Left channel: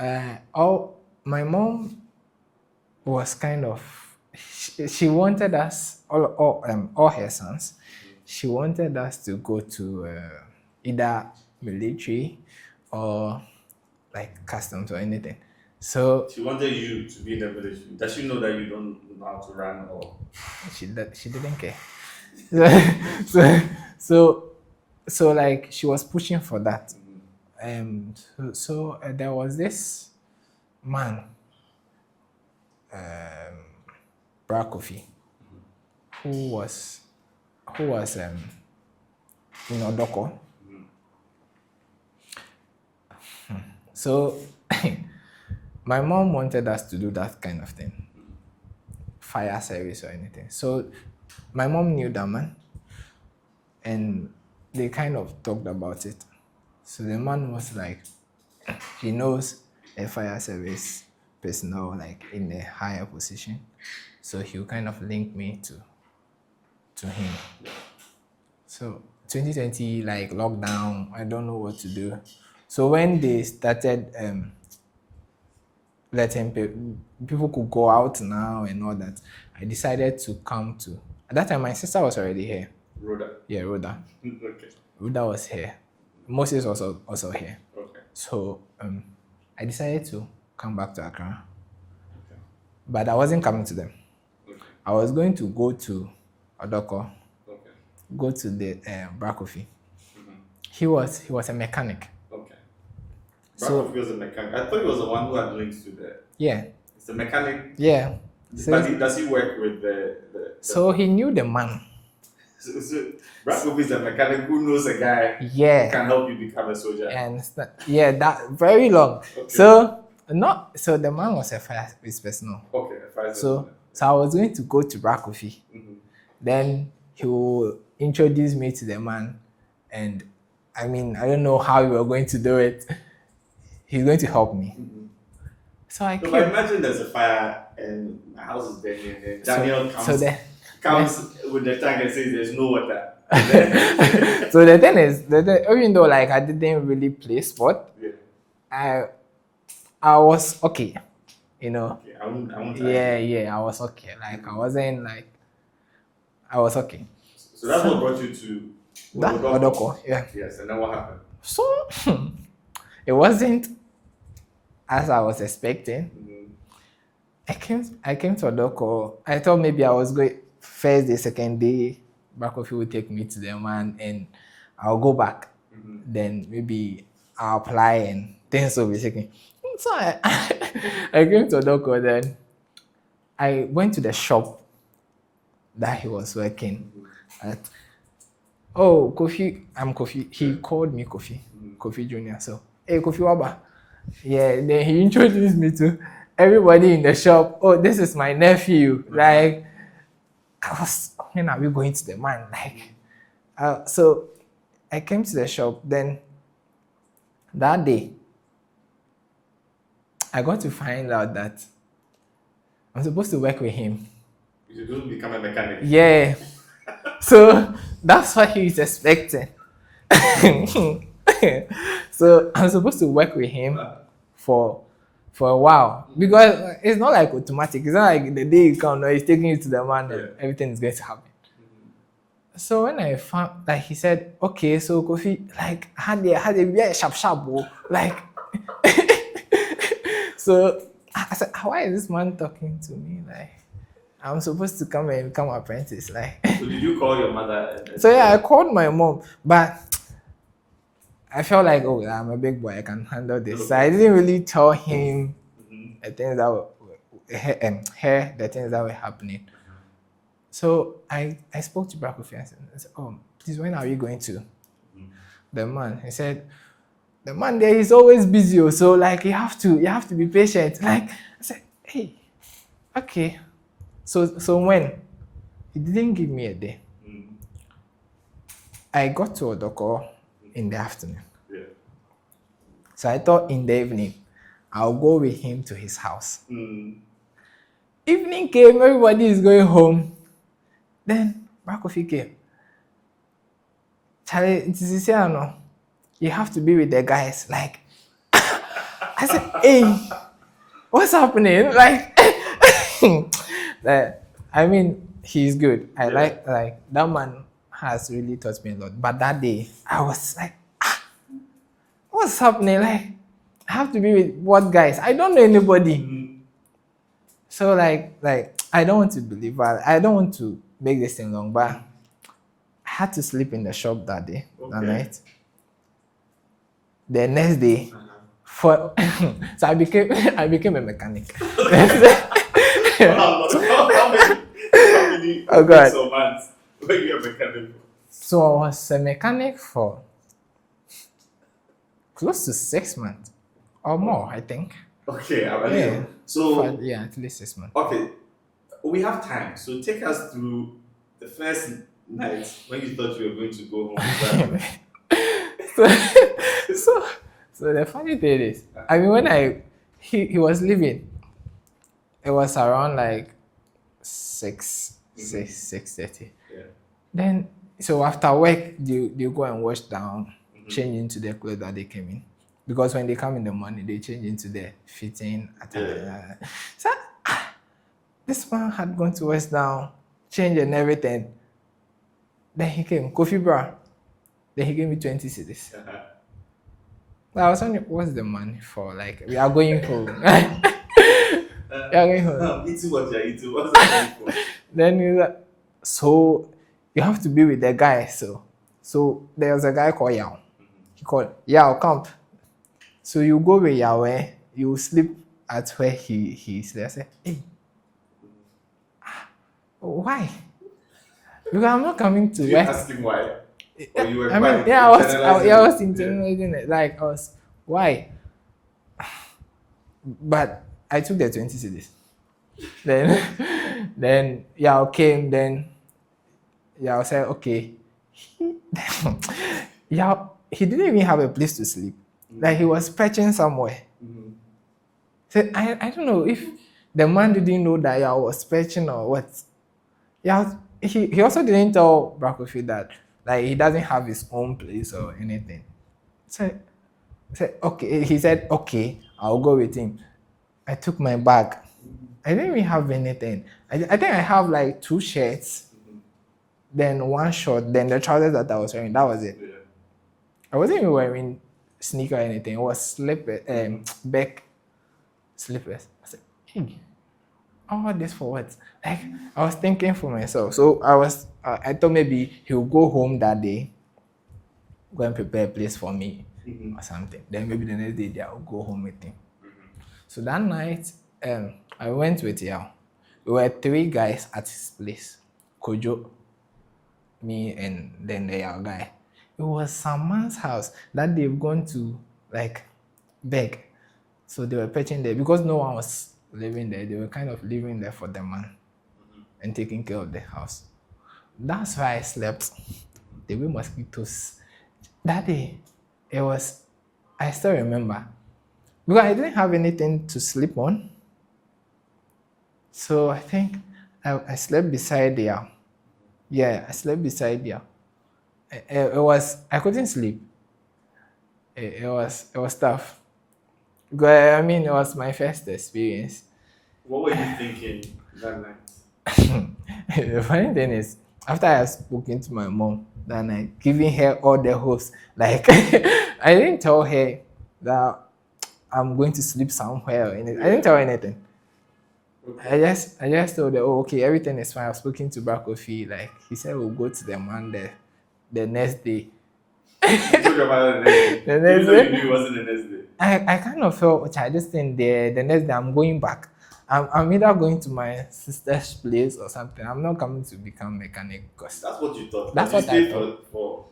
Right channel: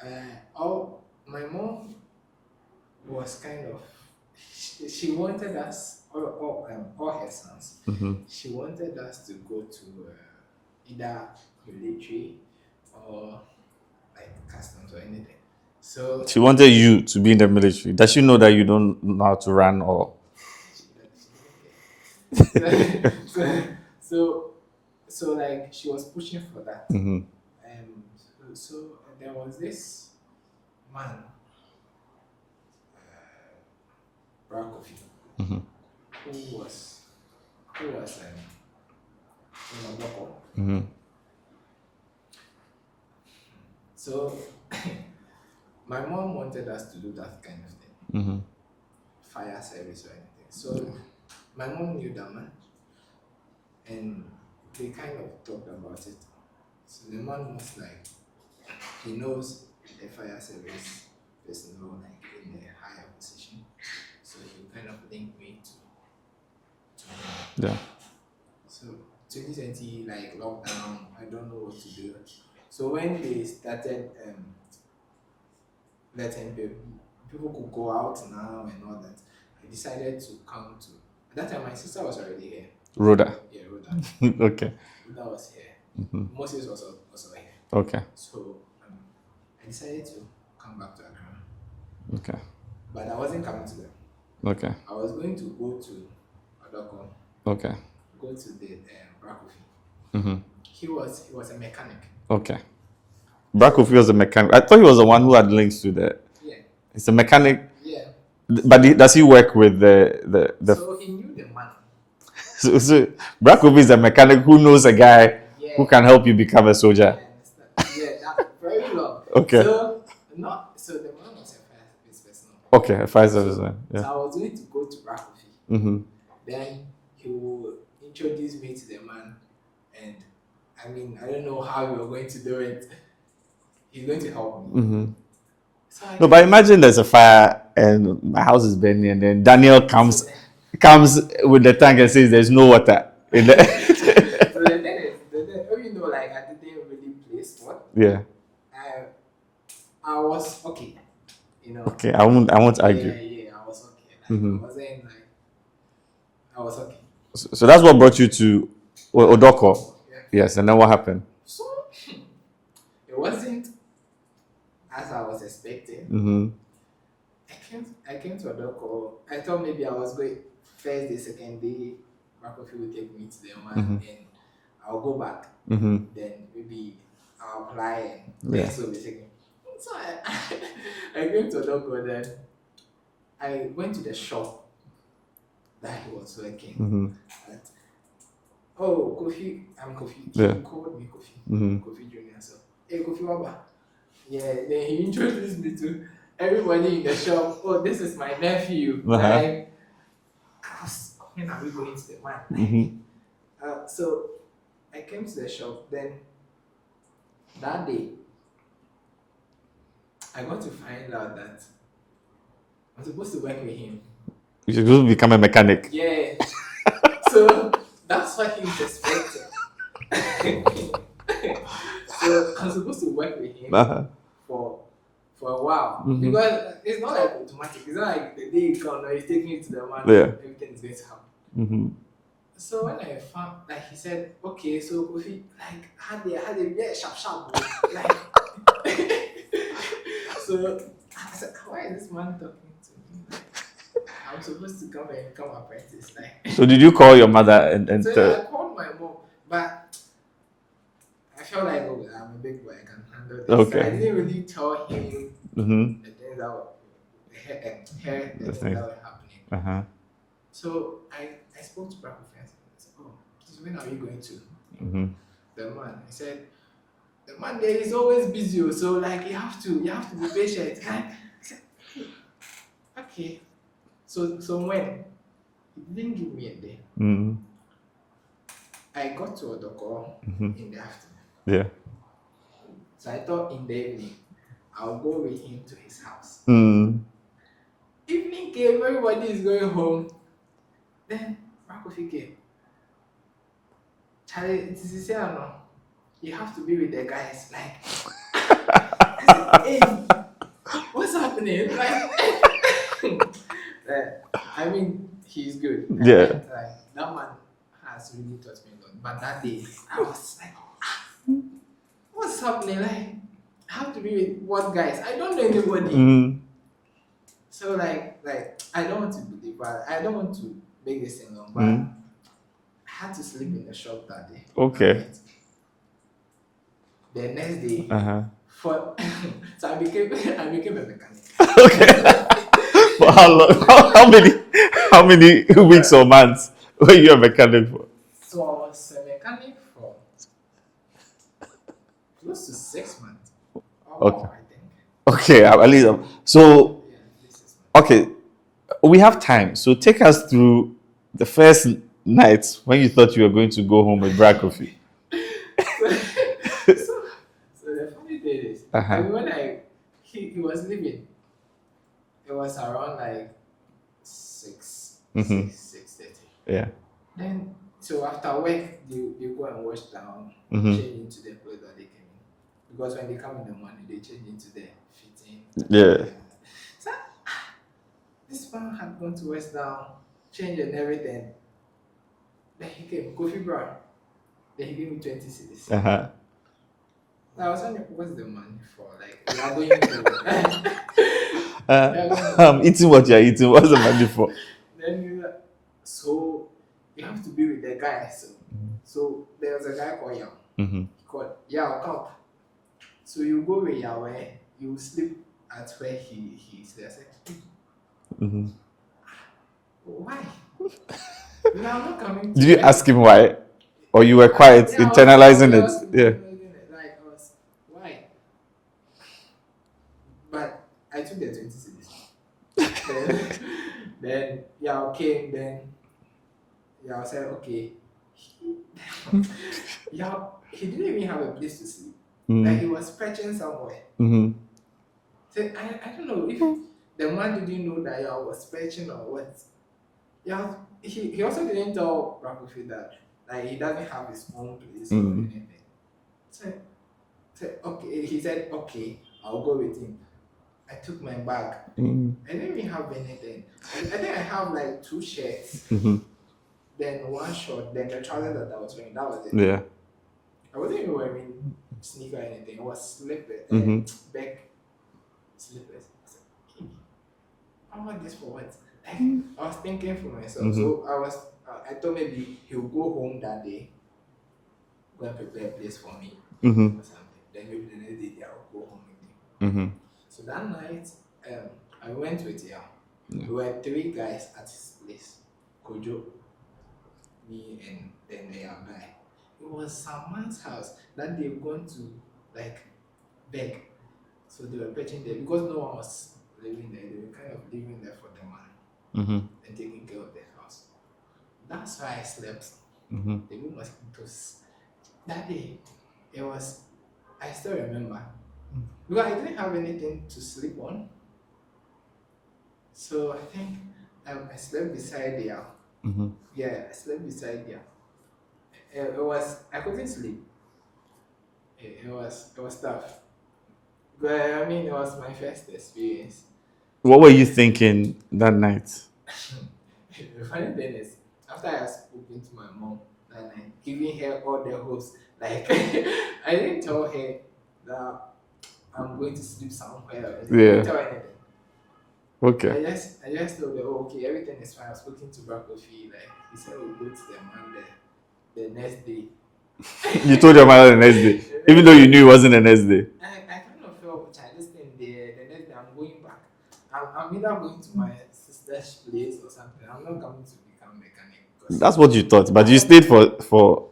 My mom was kind of, she wanted us, all her sons, she wanted us to go to either military or like customs or anything. So She wanted you to be in the military. Does she know that you don't know how to run or? she didn't care. So, so like she was pushing for that. There was this man, Bra Kofi, who was in Odoko. So my mom wanted us to do that kind of thing, fire service or anything. So my mom knew that man, and they kind of talked about it. So the man was like, he knows a fire service personnel like in a higher position, so he'll kind of link me to him. Yeah. So 2020, like lockdown, I don't know what to do. So when they started letting people could go out now and all that, I decided to come to. At that time, my sister was already here. Rhoda. Yeah, Rhoda. Okay. Rhoda was here. Moses was also here. Okay. So I decided to come back to Accra. Okay. But I wasn't coming to them. Okay. I was going to go to Odoko. Okay. Go to the Bra Kofi. He was a mechanic. Okay. Bra Kofi was a mechanic. I thought he was the one who had links to the. Yeah. It's a mechanic. Yeah. But does he work with the? So he knew the man. So Bra Kofi is a mechanic who knows a guy who can help you become a soldier. And yeah, that very long. Okay. So the man was a fire service personnel. Okay, a fire service man. So I was going to go to Bra Kofi. Then he will introduce me to the man, and I mean, I don't know how we were going to do it. He's going to help me. So but imagine there's a fire and my house is burning, and then Daniel comes with the tank and says there's no water. So the thing is, even though like I didn't really play sport, yeah, I was okay, you know. Okay, I won't argue. Yeah, I was okay. Like I wasn't like, I was okay. So that's what brought you to Odoko. Yeah. Yes, and then what happened? So it wasn't as I was expecting. I came to Odoko. I thought maybe I was going first day, second day. Bra Kofi would take me to the man, and I'll go back. Then maybe I'll apply and things will be taken. So I came to Odoko. Then I went to the shop that he was working at. Oh, Kofi, I'm Kofi. He called me Kofi, Kofi Junior. So, hey, Kofi Waba. Yeah, then he introduced me to everybody in the shop. Oh, this is my nephew. Like, when are we going to the man? Like, so I came to the shop. Then that day, I got to find out that I'm supposed to work with him. You're supposed to become a mechanic. Yeah. So that's what he's expecting. So I'm supposed to work with him for a while, because it's not like automatic. It's not like the day you come, he's taking you to the man, everything is going to happen. So when I found, like, he said, okay, so Kofi, like, had a sharp, like, so I said, why is this man talking to me? Like, I'm supposed to come and become an apprentice. Like, so did you call your mother? And so yeah, I called my mom, but I felt like, oh, I'm a big boy, I can handle this. Okay. So I didn't really tell him the things that were the things that were happening. So I spoke to Bra Kofi and said, oh, please, when are you going to the man? He said, the man there is always busy, so like you have to be patient. Like, I said, hey, okay. So when he didn't give me a day, I got to Odoko in the afternoon. Yeah. So I thought in the evening I'll go with him to his house. Evening came, everybody is going home. Then Bra Kofi came. Charlie, you have to be with the guys. Like, I said, hey, what's happening? Like, I mean, he's good. I like that man has really taught me a lot. But that day, I was like, what's happening? Like, I have to be with what guys? I don't know anybody. So like I don't want to believe, but I don't want to make this thing long, but I had to sleep in the shop that day. Okay. That night. The next day, so I became a mechanic. How many weeks or months were you a mechanic for? So I was a mechanic for close to 6 months or more, I think. Okay, at least. Yeah. So yeah, at least 6 months. Okay, we have time. So take us through the first night when you thought you were going to go home with Brad Kofi. So the funny thing is, I mean, when he was leaving, it was around like 6:30. Yeah. Then, so after work, they go and wash down, change into their clothes that they came in. Because when they come in the morning, they change into their fitting. Yeah. So this man had gone to wash down, change and everything. Then he came, Kofi bra. Then he gave me 20 cedis. I was wondering, what's the money for? Like, we are going home. I'm eating what you're eating. What's the money for? Then he's like, so you have to be with the guy. So there was a guy called Yao. He called Yao, come. So you go with Yao, you sleep at where he slept. I said, hey, why? Because I'm not coming to. Did you ask him why? Or you were quiet, internalizing it? I was internalizing it. Like, why? But I took the 20 cedis. then Yao came, then Yao said, okay. Yao, he didn't even have a place to sleep. Like, he was perching somewhere. So I don't know if the man didn't know that Yao was perching or what. Yao, he also didn't tell Brakofi that like he doesn't have his own place or anything. So okay, he said, okay, I'll go with him. I took my bag. I didn't even have anything. I think I have like 2 shirts, then 1 short, then the trousers that I was wearing. That was it. Yeah. I wasn't even wearing sneaker or anything. It was slippers, back slippers. I said, hey, all this for what? Like, I was thinking for myself. So I thought maybe he'll go home that day, go and prepare a place for me or something. Then maybe the next day I'll go home with him. So that night, I went with Yao. We were 3 guys at his place. Kojo, me, and then the Yao guy. It was some man's house that they've gone to like beg. So they were pitching there because no one was living there. They were kind of living there for the man and taking care of the house. That's why I slept. There were mosquitoes. That day, I still remember. Because I didn't have anything to sleep on. So I think I slept beside Yao. Yeah, I slept beside Yao. I couldn't sleep. It was tough. Because, I mean, it was my first experience. What were you thinking that night? The funny thing is, after I had spoken to my mom that night, giving her all the hopes, like, I didn't tell her that I'm going to sleep somewhere or anything. I didn't tell her anything. Okay. I just told her, oh, okay, everything is fine. I've spoken to Brakofi. Like, he said we'll go to the man the next day. You told your mother the next day, even though you knew it wasn't the next day. I kind of felt, I just think the next day I'm going back. I'm either going to my sister's place or something. I'm not coming to become mechanic. That's what you thought, but you stayed for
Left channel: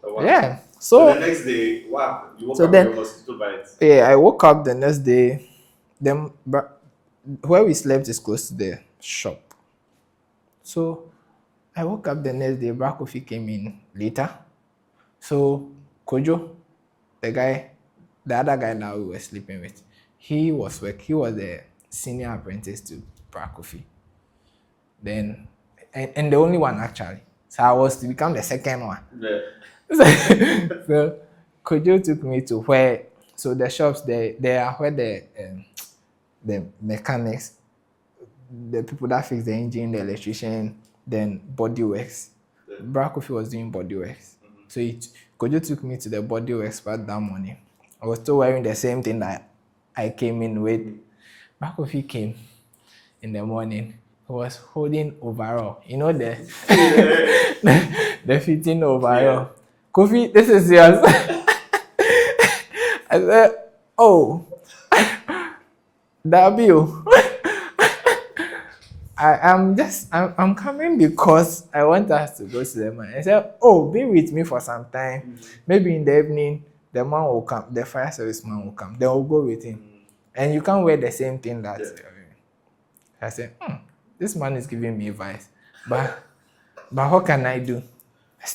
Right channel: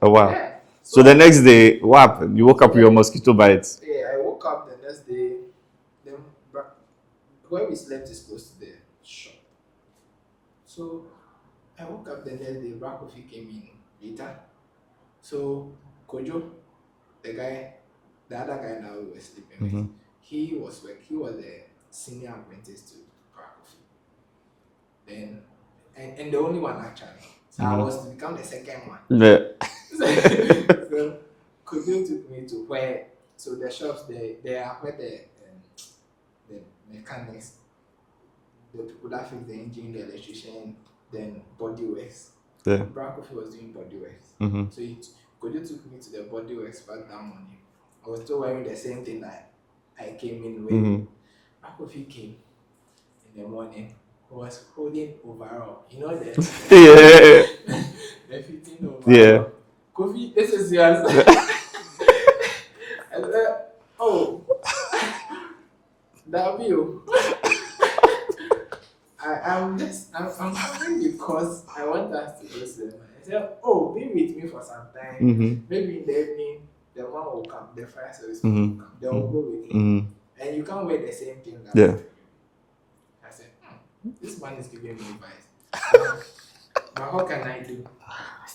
a while. Yeah. So the next day, what happened? You woke up with your mosquito bites. Yeah, I woke up the next day. Then where we slept is close to the shop. So I woke up the next day. Brakofi came in later. So Kojo, the other guy that we were sleeping with, he was the senior apprentice to Brakofi. Then, and the only one actually. So I was to become the second one. Yeah. So Kojo took me to where So the shops they are where the mechanics, the people that fix the engine, the electrician, then body works. Yeah. Bra Kofi was doing body works. So Kojo took me to the body works part that morning. I was still wearing the same thing that I came in with. Bra Kofi came in the morning. He was holding overall. You know the the fitting overall. Yeah. Kofi, this is yours. I said, oh, W. I'm coming because I want us to go to the man. I said, oh, be with me for some time. Maybe in the evening, the man will come, the fire service man will come. Then we'll go with him. And you can't wear the same thing that I said, this man is giving me advice. But what can I do?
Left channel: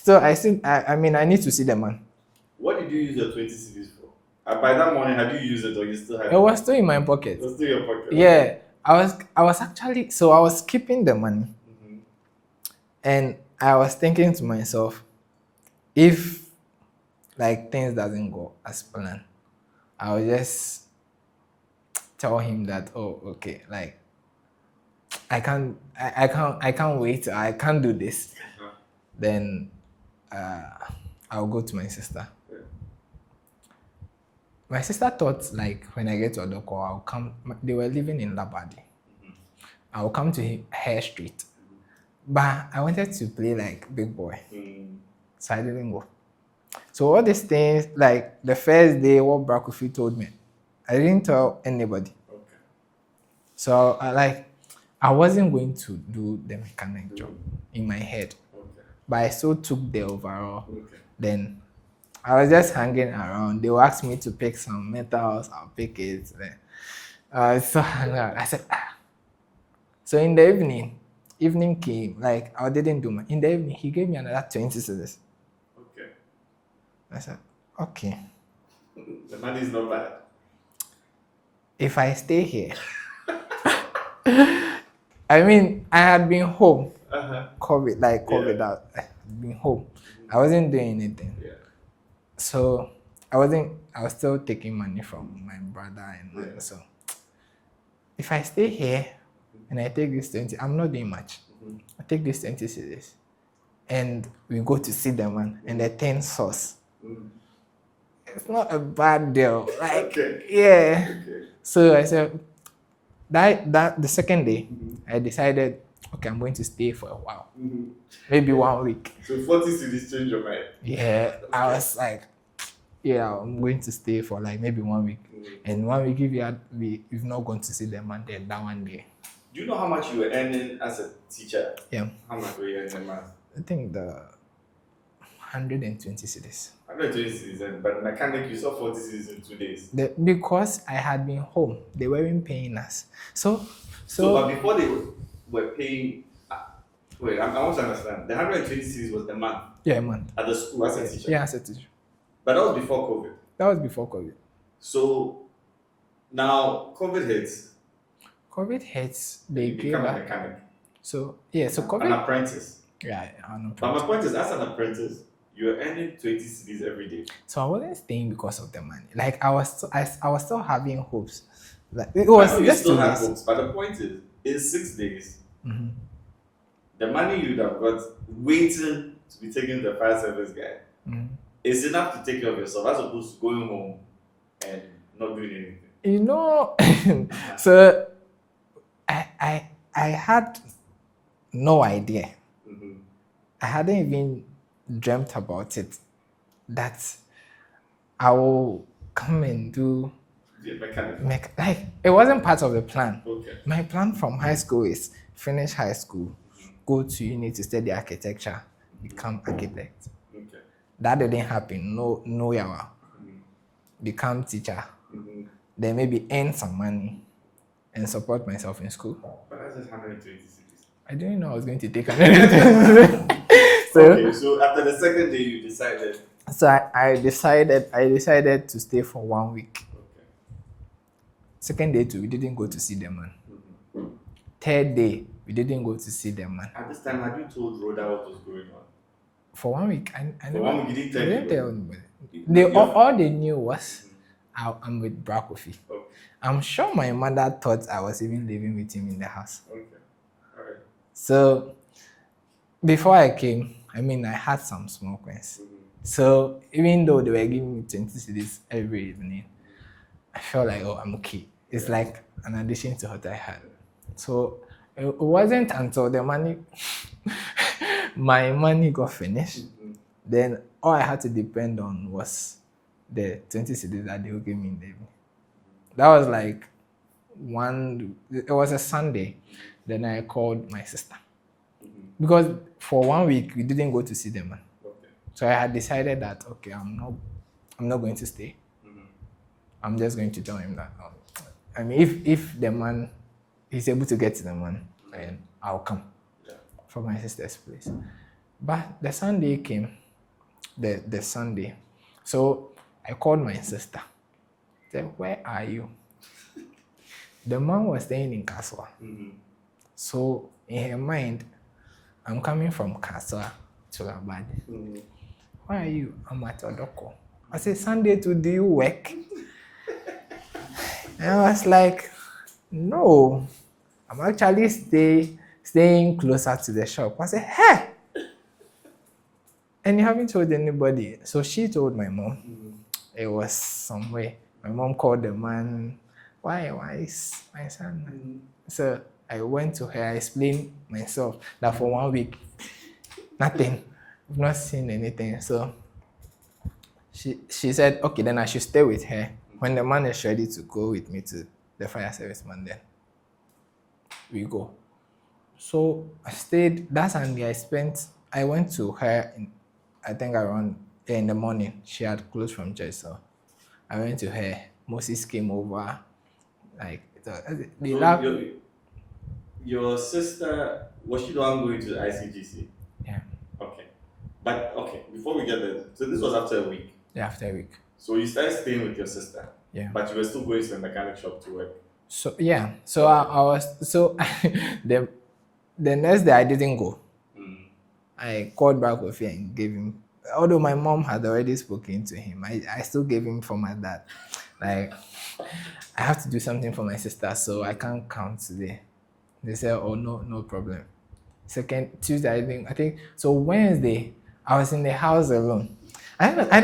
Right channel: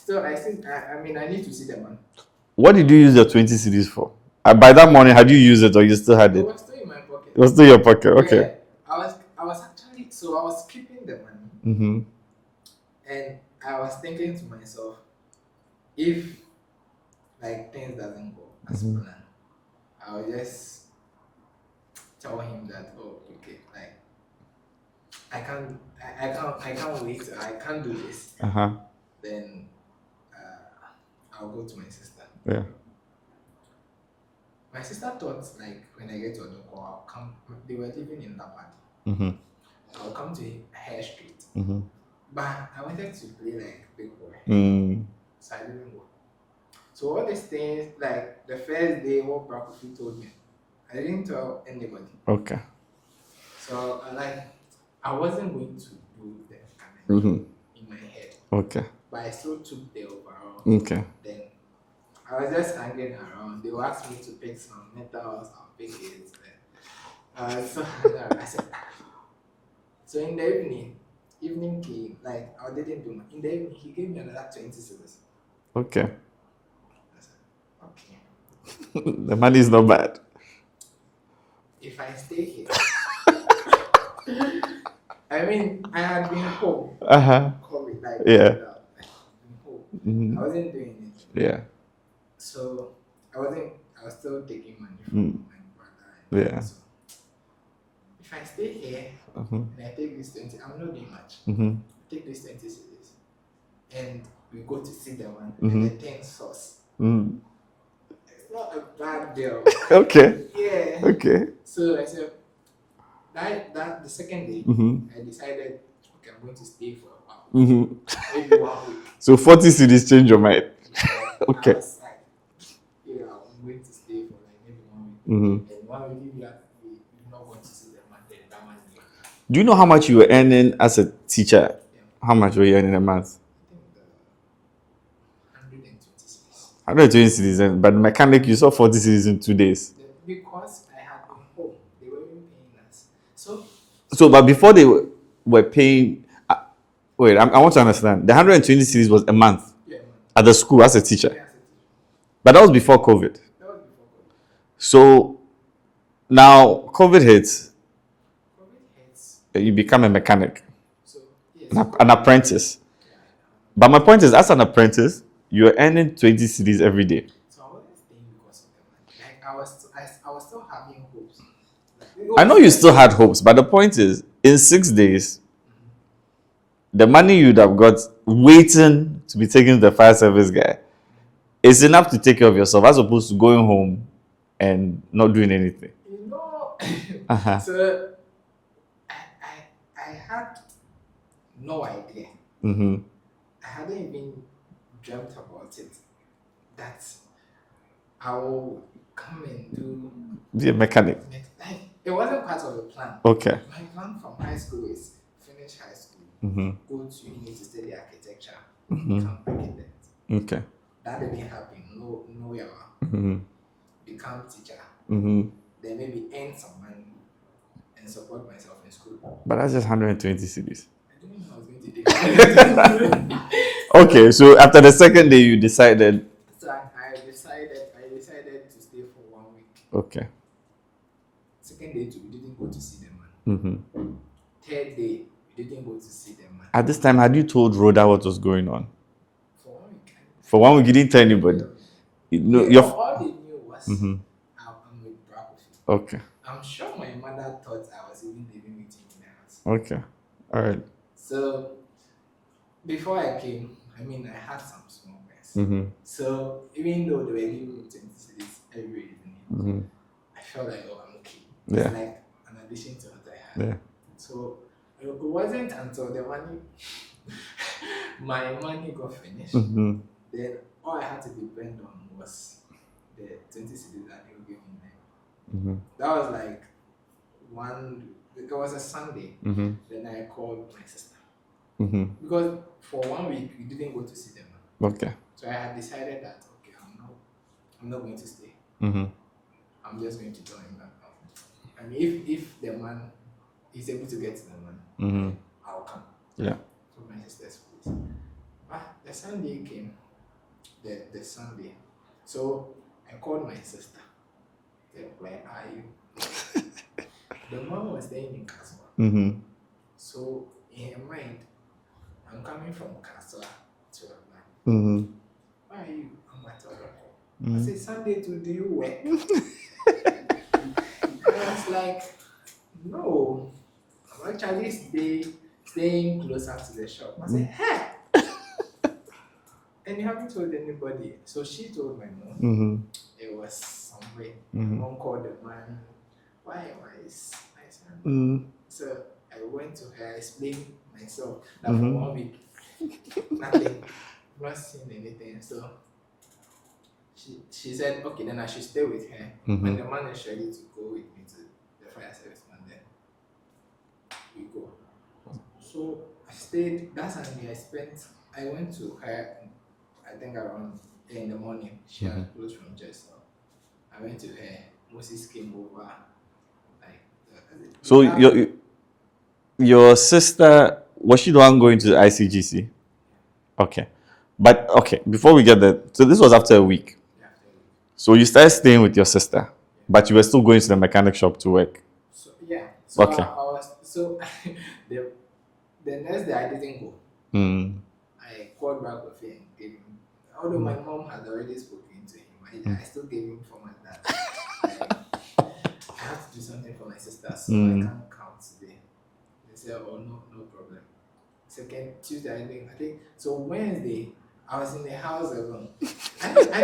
I mean, I need to see the man. What did you use your 20 cedis for? By that morning, had you used it or you still had it? It was still in my pocket. It was still in your pocket, okay. Yeah. I was keeping the money. And I was thinking to myself, if like things doesn't go as planned, I'll just tell him that, oh, okay, like I can't wait, I can't do this. Then I'll go to my sister. Yeah. My sister thought like when I get to Odoko, I'll come. They were living in Labadi. I'll come to her street. But I wanted to play like big boy. So I didn't go. So all these things, like the first day, what Bra Kofi told me, I didn't tell anybody. Okay. So I wasn't going to do the mechanic job in my head. Okay. But I still took the overall. Okay. Then I was just hanging around. They will ask me to pick some metals. I'll pick it. Then, so I said, So in the evening came. Like I didn't do my. In the evening, he gave me another 20 cedis. Okay. I said, okay. The money is not bad. If I stay here, I mean, I had been home. COVID out. I had been home. I wasn't doing anything. Yeah. So I was still taking money from my brother and so if I stay here and I take this 20, I'm not doing much. I take this 20 cedis and we go to see the man and the 10 sauce. It's not a bad deal. Like, okay. Yeah. Okay. So I said that the second day I decided, okay, I'm going to stay for a while. Maybe 1 week. So 40 cedis change your mind. Yeah. Okay. I was like, yeah, I'm going to stay for like maybe 1 week. And 1 week, if you've not gone to see them, and then that one day. Do you know how much you were earning as a teacher? Yeah. How much were you earning a month? I think the 120 cedis. 120 cedis, but the mechanic, you saw 40 cedis in 2 days. Because I had been home, they weren't paying us. So but before they were paying, wait, I want to understand. The 120 cedis was a month? Yeah, a month. At the school as a teacher? Yeah, as a teacher. But that was before COVID. That was before COVID. So now COVID hits. COVID hits. You become a mechanic. So yes, an apprentice. Yeah. But my point is, as an apprentice, you're earning 20 cedis every day. So I wasn't staying because of the money. Like I was still having hopes. Like, I know you still had hopes, but the point is, in 6 days, the money you'd have got waiting to be taken to the fire service guy. It's enough to take care of yourself as opposed to going home and not doing anything. You know, so I had no idea. I hadn't even dreamt about it that I will come and be a mechanic. Like it wasn't part of the plan. Okay. My plan from high school is finish high school, go to uni to study architecture, become architect. Okay. That didn't happen. No yawa. Become teacher. Then maybe earn some money and support myself in school. But that's just 120 cedis. I didn't know I was going to take. Okay, so after the second day, you decided. So I decided to stay for 1 week. Okay. Second day too, we didn't go to see the man. Third day, we didn't go to see the man. At this time, had you told Rhoda what was going on? For 1 week. For 1 week, you didn't tell anybody. All they knew was I'm with Brakofi. Okay. I'm sure my mother thought I was even living with him in the house. Okay. All right. So before I came, I mean, I had some small coins. So even though they were giving me 20 cedis every evening, I felt like, oh, I'm okay. It's like an addition to what I had. Yeah. So it wasn't until the money, my money got finished, then all I had to depend on was the 20 cedis that they would give me in the evening. That was like it was a Sunday. Then I called my sister. Because for 1 week we didn't go to see the man. Okay. So I had decided that okay, I'm not going to stay. I'm just going to tell him that. I mean, if the man is able to get to the man, then I'll come. Yeah. For my sister's place. But the Sunday came. The Sunday, so I called my sister. Said, "Where are you?" The man was staying in Kaswa. So in her mind, I'm coming from Kaswa to Abad. Where are you? I'm at Odoko. I said, Sunday too, do you work? And I was like, no, I'm actually staying closer to the shop. I said, hey! And you haven't told anybody. So she told my mom. It was somewhere. My mom called the man. Why is my son? So I went to her. I explained myself that for 1 week, nothing. I've not seen anything. So she said, okay, then I should stay with her. When the man is ready to go with me to the fire service man, then we go. So I stayed. That Sunday I went to her, I think around in the morning. She had closed from church, so I went to her. Moses came over. So your sister, was she the one going to the ICGC? Yeah. Okay. But okay, before we get there, so this was after a week. Yeah, after a week. So you started staying with your sister. Yeah. But you were still going to the mechanic shop to work. So yeah. So Okay. I was the next day I didn't go. I called back with him and gave him. Although my mom had already spoken to him, I still gave him for my dad. Like I have to do something for my sister, so I can't come today. They said, "Oh no problem." Second Tuesday, I think so. Wednesday, I was in the house alone. I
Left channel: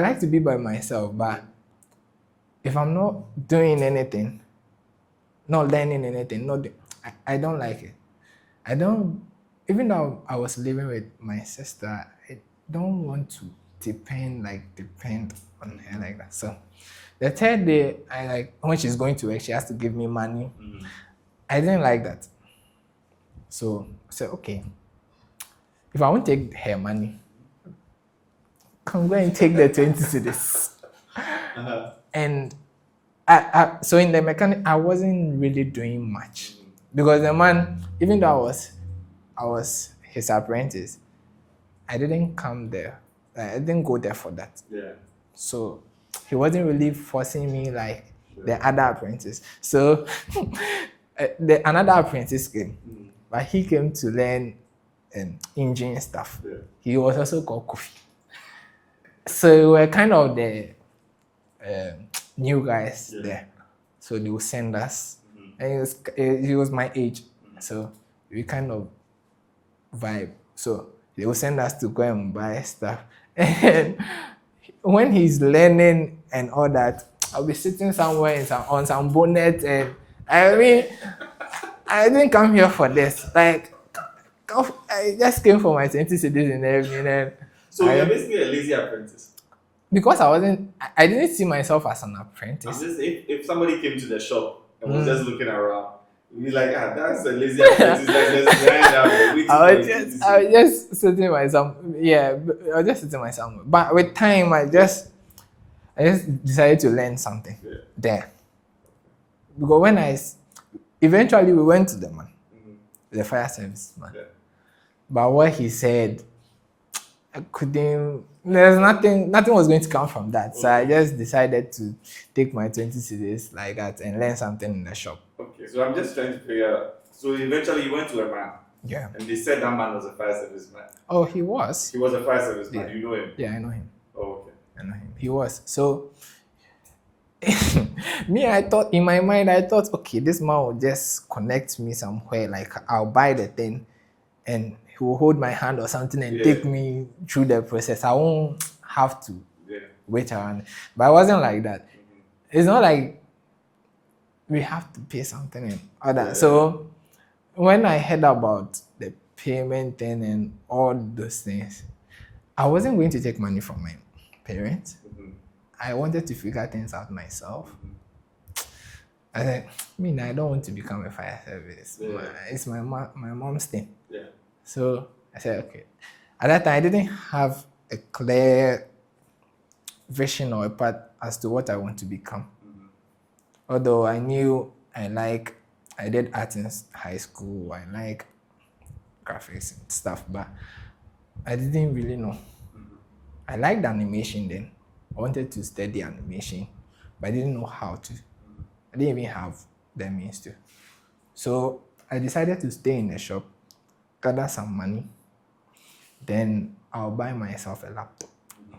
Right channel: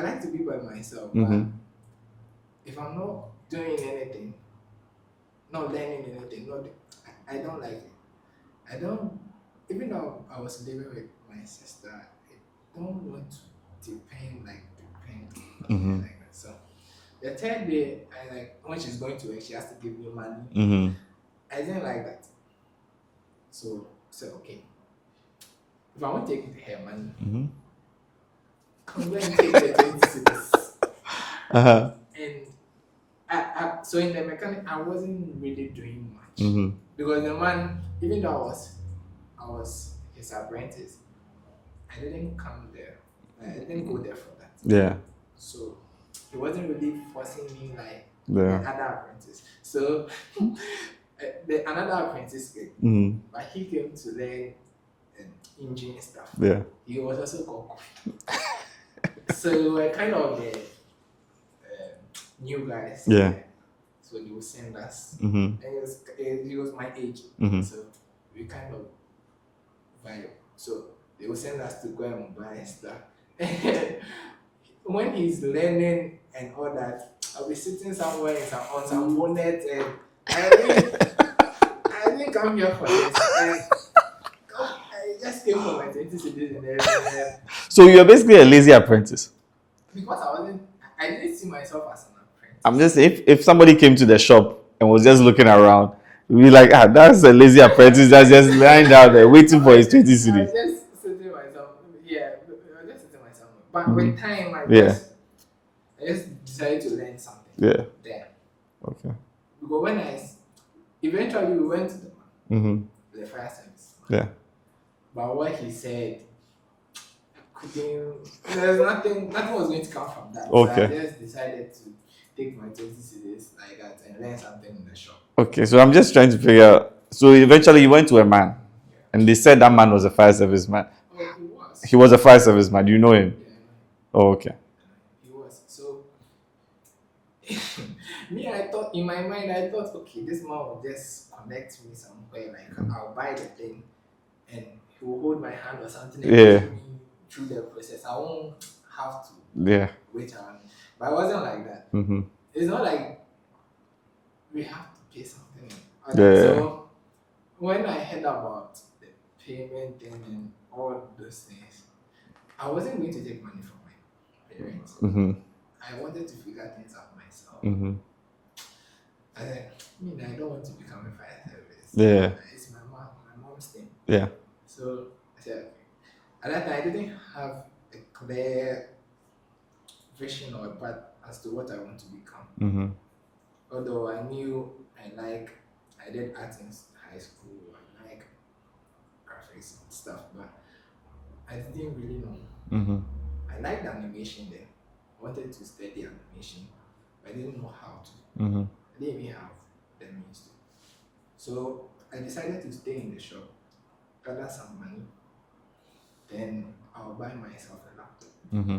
like to be by myself, but if I'm not doing anything, not learning anything, I don't like it. I don't. Even though I was living with my sister, I don't want to depend on her like that. So the third day, when she's going to work, she has to give me money. I didn't like that. So I said, okay, if I won't take her money, I'm going to take the 20 cedis. And so in the mechanic, I wasn't really doing much because the man, even though I was his apprentice, I didn't come there. I didn't go there for that. Yeah. So he wasn't really forcing me like the other apprentice. So another apprentice came, but he came to learn engine stuff. Yeah. He was also called Kofi. So we were kind of the new guys. Yeah. So they would send us, and he was my age, so we kind of vibe. So they will send us to go and buy stuff. And when he's learning and all that, I'll be sitting somewhere on some bonnet, and I mean, I didn't come here for this. Like, I just came for my 20 cedis and everything. So you're basically a lazy apprentice. Because I didn't see myself as an apprentice. I'm just if somebody came to the shop and was just looking around, we'd be like, that's a lazy apprentice that's just lying down there waiting for his 20 cedis. I was just sitting myself. Yeah, I was just sitting myself. But with time, I just decided to learn something. Yeah. There. Okay. Because eventually we went to the man, the fire service man. Yeah. But what he said, there's nothing was going to come from that. Okay. So I just decided to take my 20 cedis like that and learn something in the shop. Okay, so I'm just trying to figure out. So eventually you went to a man. Yeah. And they said that man was a fire service man. Oh, he was. He was a fire service man. Do you know him? Yeah, I know him. Oh, okay. I know him. He was. So Me, I thought in my mind, I thought, okay, this man will just connect me somewhere. Like I'll buy the thing, and he will hold my hand or something and Yeah. take me through the process. I won't have to Yeah. wait around. But it wasn't like that. Mm-hmm. It's not like we have to pay something and all that. Yeah. So when I heard about the payment thing and all those things, I wasn't going to take money from my parents. Mm-hmm. I wanted to figure things out myself. Mm-hmm. I said, I don't want to become a fire service. Yeah. It's my mom's thing. Yeah. So I said, okay. At that time, I didn't have a clear vision or a path as to what I want to become. Mm-hmm. Although I knew I did art in high school, I like graphics and stuff, but I didn't really know. Mm-hmm. I liked animation then. I wanted to study animation, but I didn't know how to. Mm-hmm. I didn't even have the means to. So I decided to stay in the shop, gather some money, then I'll buy myself a laptop. Mm-hmm.